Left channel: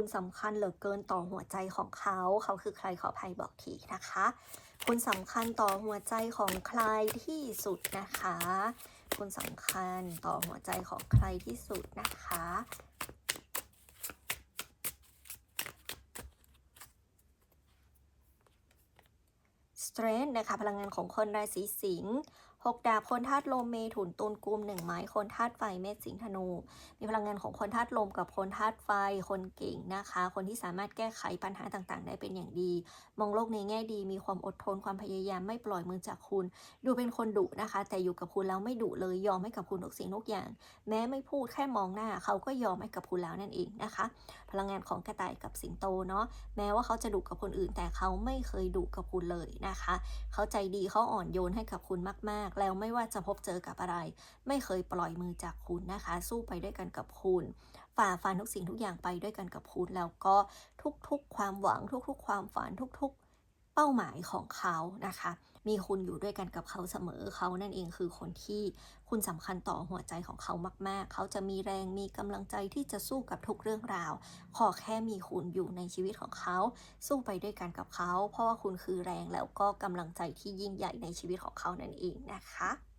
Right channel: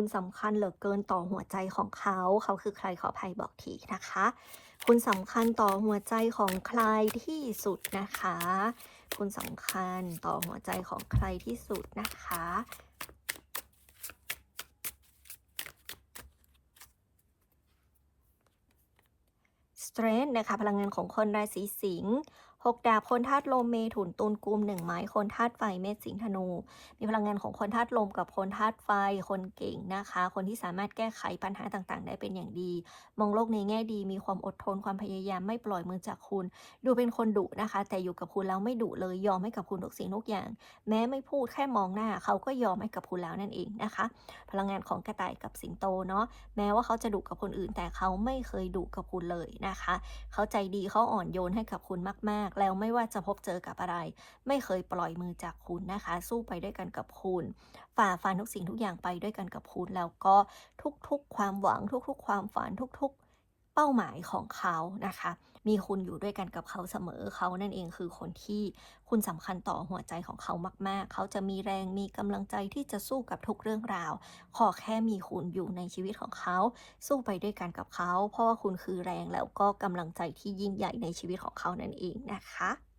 คุณสำคัญเหลือเกินต่อหัวใจของเขา เขาคือใครขออภัยบอกทีนะคะ คุณสำคัญต่อหัวใจของใครที่สุดนะคะ คุณสำคัญต่อหัวใจของใครที่สุดนะคะ Strength นะคะพลังงานของคนราศีสิงห์ หกดาบคนธาตุลมเมถุนตุลกุมหนึ่งไม้คนธาตุไฟเมษสิงธนู มีพลังงานของคนธาตุลมกับคนธาตุไฟคนเก่งนะคะ คนที่สามารถแก้ไขปัญหาต่างๆ ได้เป็นอย่างดี มองโลกในแง่ดีมีความอดทนความพยายามไม่ปล่อยมือจากคุณ ดูเป็นคนดุนะคะ แต่อยู่กับคุณแล้วไม่ดุเลยยอมให้กับคุณทุกสิ่งทุกอย่าง แม้ไม่พูดแค่มองหน้า เขาก็ยอมให้กับคุณแล้วนั่นเองนะคะ พลังงานของกระต่ายกับสิงโตเนาะแม้ว่าเขาจะดุกับคนอื่น แต่เขาไม่เคยดุกับคุณเลยนะคะ เขาใจดีเขาอ่อนโยนให้กับคุณมากๆแล้วไม่ว่าจะพบเจอกับอะไร ไม่เคยปล่อยมือจากคุณนะคะ สู้ไปด้วยกันกับคุณ ฝ่าฟันทุกสิ่งทุกอย่างไปด้วยกันกับคุณ แล้วก็ทุกๆ ความหวังทุก ๆ ความฝันทุก ๆ เป้าหมายของเขานะคะ มีคุณอยู่ด้วยกันกับเขาเสมอเขานั่นเองคือคนที่คุณสำคัญต่อหัวใจของเขามาก ๆ เขาจะมีแรงมีกำลังใจที่จะสู้กับทุกเรื่องราว ขอแค่มีคุณอยู่ในชีวิตของเขา สู้ไปด้วยกันกับเขา เพราะว่าคุณคือแรงแล้วก็กำลังใจที่ยิ่งใหญ่ในชีวิตของเขานั่นเองนะคะ